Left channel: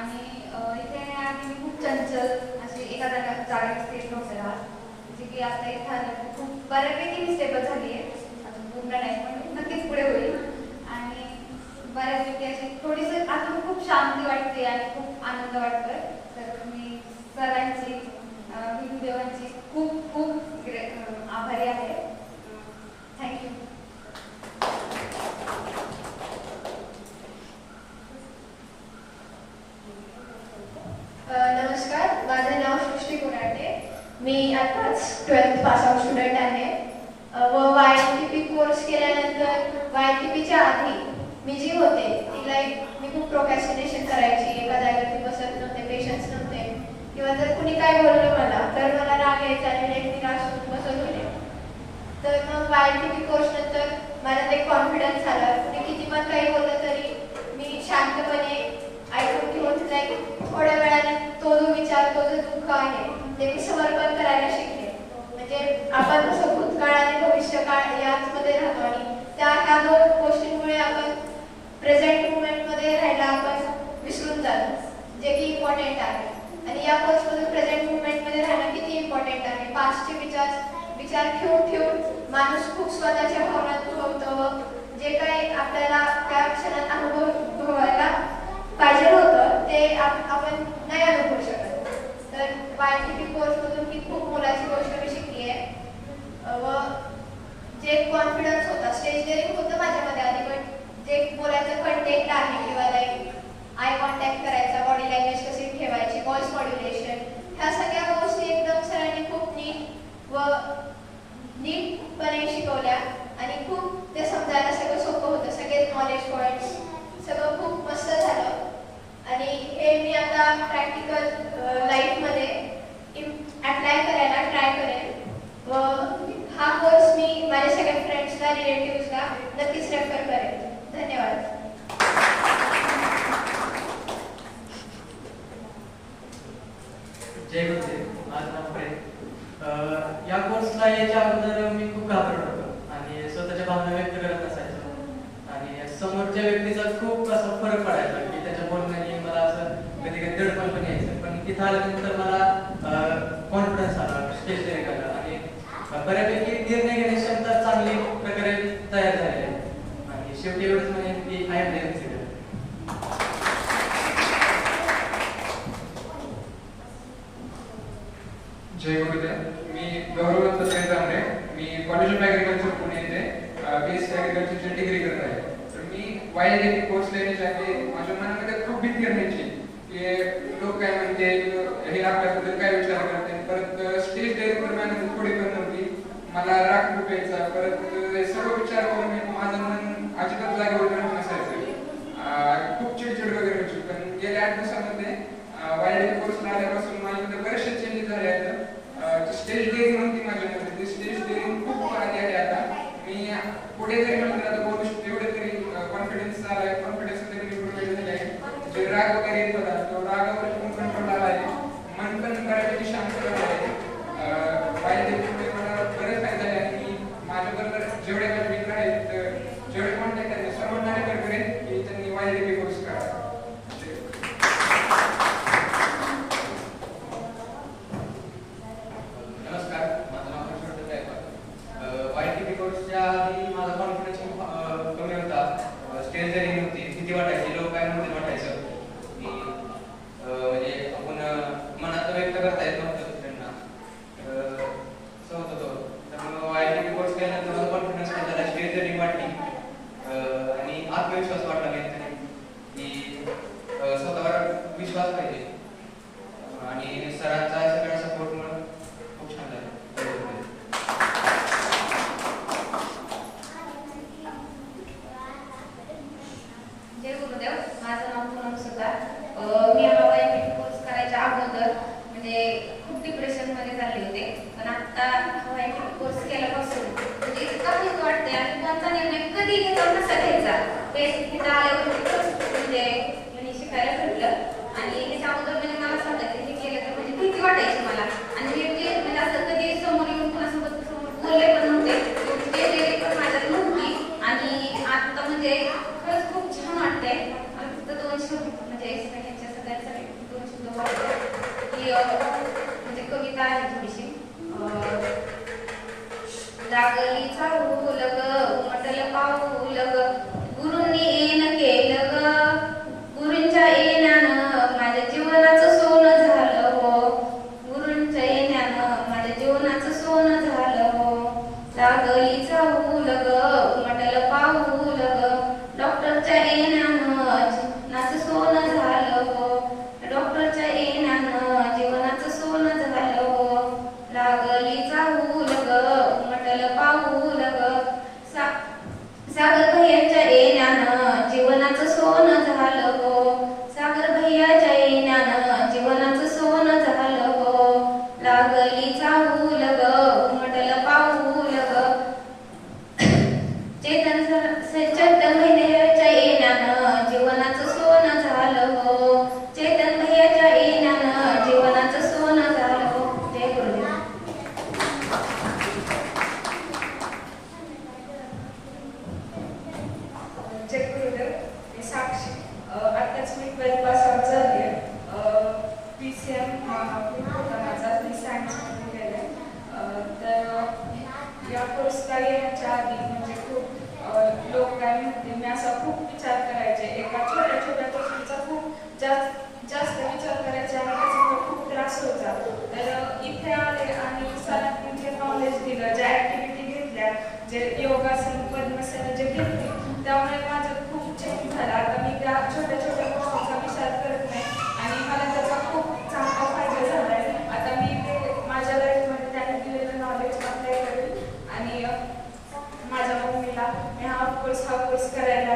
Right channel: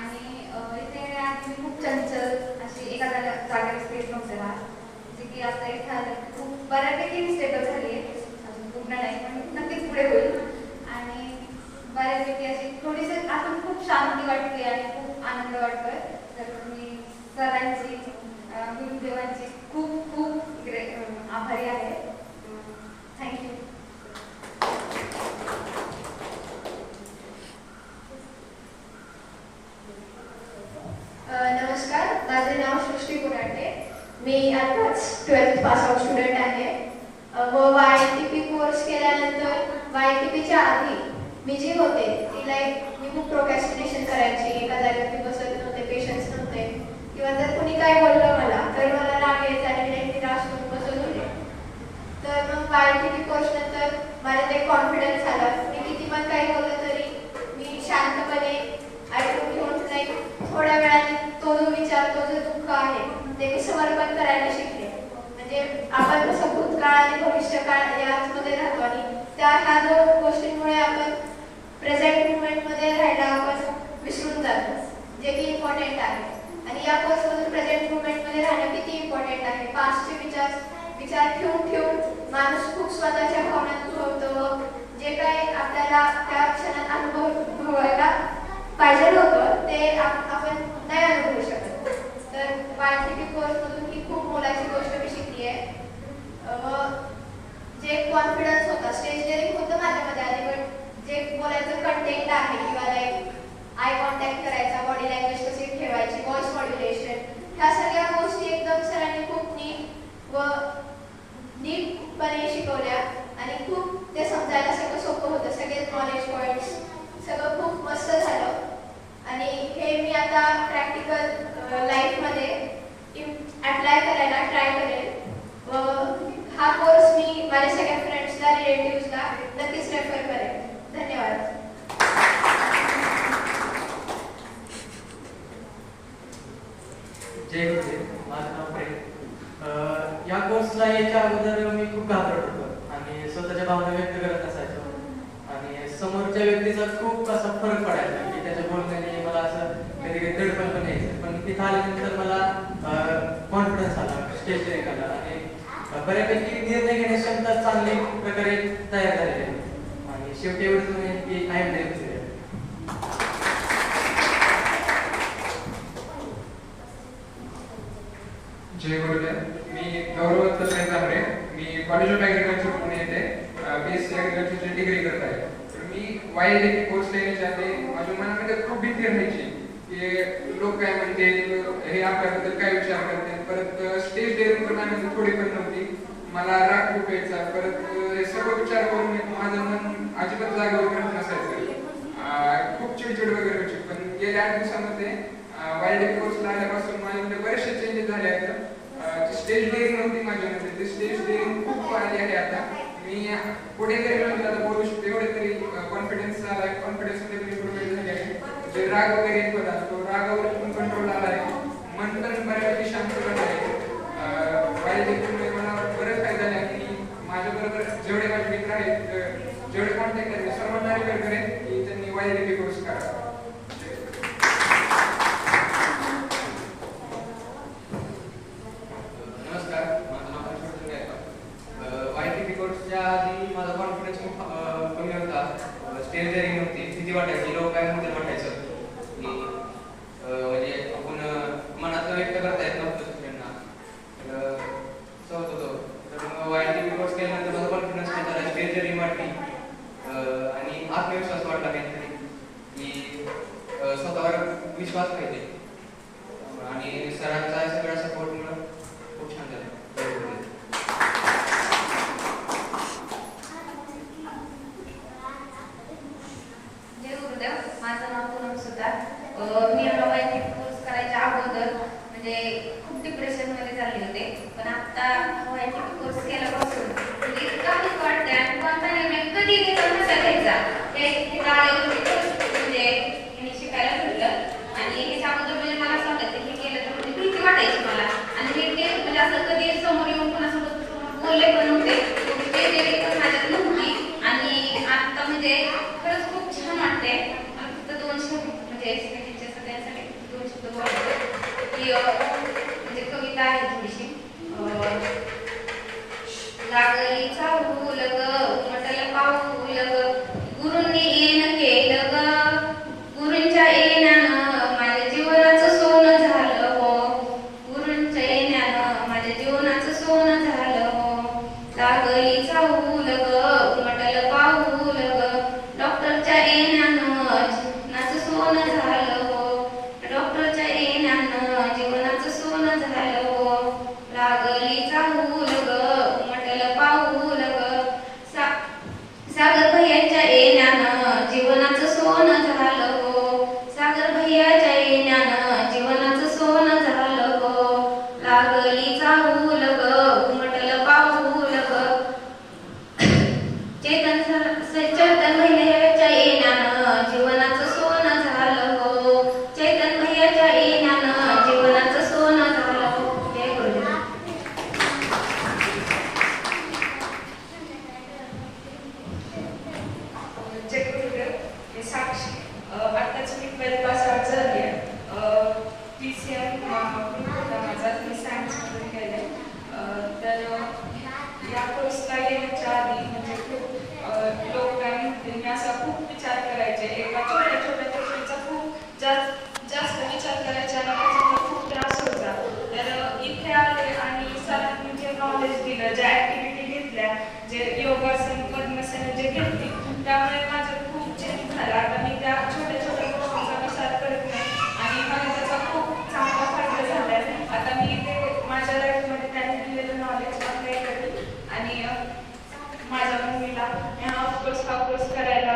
आणि इथे आधी मी खूप चंचल अशी एका जागेवर स्थिर नव्हते राहत, जे की आता इथे आलं खूप बऱ्यापैकी मी स्टेबल झाली आहे. अजून पूर्ण नाही पण मी नक्कीच पुढे होईल. आणि बऱ्यापैकी अशी थोडीशी आतून खूप शांती वाटते आणि खूप आनंद वाटतोय. तर मी सरांची गुरुदेवांची खूप खूप आभारी आहे. थँक्यू. नमस्कार, माझे नाव सृष्टी कुराटे. मी आत्ताच 12th पास आउट स्टुडंट आहे व YNTP कोर्स केल्यानंतर YNTPच्या आधी मी जी होते ती मी खूप प्रोक्रॅस्टिनेशन करायची. एका जागेत मी बसत नव्हते, पेशन्स नव्हते किंवा जर कुणी काय बोललं मला तर मला राग यायचा आणि मी निराश होऊन बसत होते. तर मग YNTP कोर्स नंतर मला ते कॉन्फिडन्स आला. मी किती पण काही बोललं तरी मी शांतपणे ऐकून घेऊन थोड्या वेळाने तो जो विचार, तो जो दुःख आहे ते मी समर्पण करायला शिकले. म्हणजे आपण कसं भूतकाळ आणि भविष्यकाळ याचमध्ये राहतो आणि ह्या दोन गोष्टींमुळे आपण प्रेझेंट मुवमेंटमध्ये राहायला आपण विसरून जातो, जे की इम्पॉर्टंट आहे. आणि या कोर्समधून प्रेझेंट मुवमेंटमध्ये राहणं किती इम्पॉर्टंट आहे. पास्टचे विचार ठेवून माणूस खूप स्वतःच्या भावना दुखवतो. जे काही आपल्याला त्या क्षणात अनुभवायला पाहिजे होतं ते आपण नाही अनुभवू शकत. तर YNTP कोर्समधून ही खूप मोलाची गोष्ट मी शिकली आहे. व जे कॉन्फिडन्स होता, स्टेज डेअरिंग होतं माझ्यामध्ये आधी, पण जे बोलायचं कंटेंट आहे किंवा आय कॉन्टॅक्ट करायचा, बॉडी लँग्वेज कशी ठेवायची, व्हॉइस मॉड्युलेशन, ह्या सगळ्या गोष्टी एकदम सरांनी खूप नीटपणे शिकवल्या आणि खूप ते समजायला सगळं सोपं होतं. सगळे नॉलेज पॉईंट्स सगळं खूप मस्त झालं. आणि हे मी आता प्रॅक्टिकल लाईफमध्ये अप्लाय करायला ट्राय करेन. व हा कोर्स मी माझ्या सगळ्या फ्रेंड्सला, रिलेटिव्सला नक्कीच रेफर करेन. धन्यवाद. जय गुरुदेव. माझं नाव प्रेम. या कोर्सला यायच्या अगोदर मी खूप घाबरत होतो आणि स्वतःच्या भावना व्यक्त करत नसायचो आणि समोरच्या व्यक्तीचा खूप असा फरक पडायचा की त्याच्या बोलण्याने मला असं कधी कधी दडपण पण यायचं. पण तिथं आल्यानंतर मला कॉन्फिडन्स आला, स्टेज डेअरिंग आला आणि बऱ्यापैकी निर्णय घेण्याची क्षमता चांगली प्रकारे तयार झालेली आहे. आणि शेवटी एवढंच म्हणेन की आय एम देअर. जय गुरुदेव. मी गौरव दत्तात्रय. मी कॉलेज ऑफ ॲग्रिकल्चर पुणे येथे BSc ॲग्रिकल्चरची डिग्री करत आहे. तर मी YNTP कोर्स लेण्याच्या आधी माझ्या मनामध्ये खूप भीती राहायची की लोक काय म्हणतील, हे आपल्याबद्दल काय विचार करतील. परत स्टेज डेअरिंग तर माझ्यामध्ये थोडी पण नव्हती. मला राग खूप यायचा. परत हे सर्व विचार करून माझं मन अजिबात जागेवर पण नसायचं. खूप चिडचिड वगैरे व्हायची. पण गेल्या 8 दिवसामध्ये YNTP कोर्सला आल्यापासून माझ्यामध्ये बरेचसे चेंजेस झाले आहेत. स्टेज डेअरिंग होती माझ्यामध्ये, ते स्टेज डेअरिंग खूप वाढली आहे. आता मी पुढे जरी म्हटलं तर बोलू शकतो, एवढे तरी कॉन्फिडन्स आला आहे. कॉन्फिडन्समध्ये पण इम्प्रूव्हमेंट झाली आहे. जे राग वगैरे येत होता तो रागावर पण कंट्रोल आला आहे. मन पण बऱ्यापैकी शांत झालं आहे. YNTPमुळे मला बरेच फायदा झाले आणि माझ्याबरोबर जेवढे माझे मित्र आहेत, जेवढे कॉन्टॅक्ट आहेत, सर्वांना रेफर करेन की त्यांनी YNTP कोर्स करा. YNTP कोर्सच्या आधी माझा कॉन्फिडन्स खूप कमी होता. स्टेज डेअरिंग होती, भीती वाटायची, लोक काय म्हणतील वाटायचं की म्हणजे आपण मनात व्यक्त करता येत नव्हतं शिक्षकांना. असं होत होतं. तर मग YNTP कोर्स केल्यानंतर माझा कॉन्फिडन्स काय झाला, स्टेज डेअरिंग वाटली आणि आत्मविश्वास वाटला व्यक्ती की स्वतःवर विश्वास पाहिजे. आणि सरांचा सगळ्या सपोर्टमुळे खूप छान झालं. जय गुरुदेव. माझं नाव पूनम सुतार. मी YNTP कोर्स करायच्या अगोदर म्हणजे खूप डिप्रेशनमध्ये चालले होते. पण आता YNTP कोर्स केल्यापासून म्हणजे इतका खूप वाटते आणि कोणता निर्णय कधी घेतो कसा घ्यायचा हे तिथं आल्यावर म्हणजे मी शिकायला भेटलं. आणि ह्याच्या अगोदर म्हणजे मला असं वाटायचं हे केलं तर म्हणजे भीती वाटायची मला. आणि मी ते म्हणजे असं कधी समोर येऊन कोणासोबत बोलले पण नव्हते. ते पण माझ्यात नव्हती. आणि आता म्हणजे खरंच खूप छान वाटते. मला फक्त 2 म्हणजे सगळ्यांसाठी चैतन महिन्याच्या येण्यानं जीवनाचं सोनं झालं हो. चैतन भैयाच्या येण्यानं जीवनाचं सोनं झालं हो. जय गुरुदेव. जय गुरुदेव. मी साक्षी. आत्ताच मी 12th पास आउट झाली आहे. PCM ग्रुप होता माझा, मी सायन्समध्ये केले. तर या कोर्सला येण्याच्या आधी म्हणजे खूप लोक काय म्हणते, मी असा खूप विचार करायचे. एका छोट्या छोट्या गोष्टीचा खूप जास्त विचार करायचे आणि त्याचा मला खूप त्रास होता. तर इथे आले आणि सरांनी जे नॉलेज दिलं, ज्या ॲक्टिव्हिटी घेतल्या, जे योगासन पद्मासन जे घेतली, त्यामुळे माझं खूप चेंज झाला. आता मी त्या छोट्या छोट्या गोष्टींचा विचार करत नाही आणि मला त्याचा खूप चांगला फायदा झाला आहे. आता मी ते माझ्या लाईफमध्ये त्यांनी दिलेलं नॉलेज अप्लाय करेल आणि माझ्या मम्मीला हा कोर्स करायला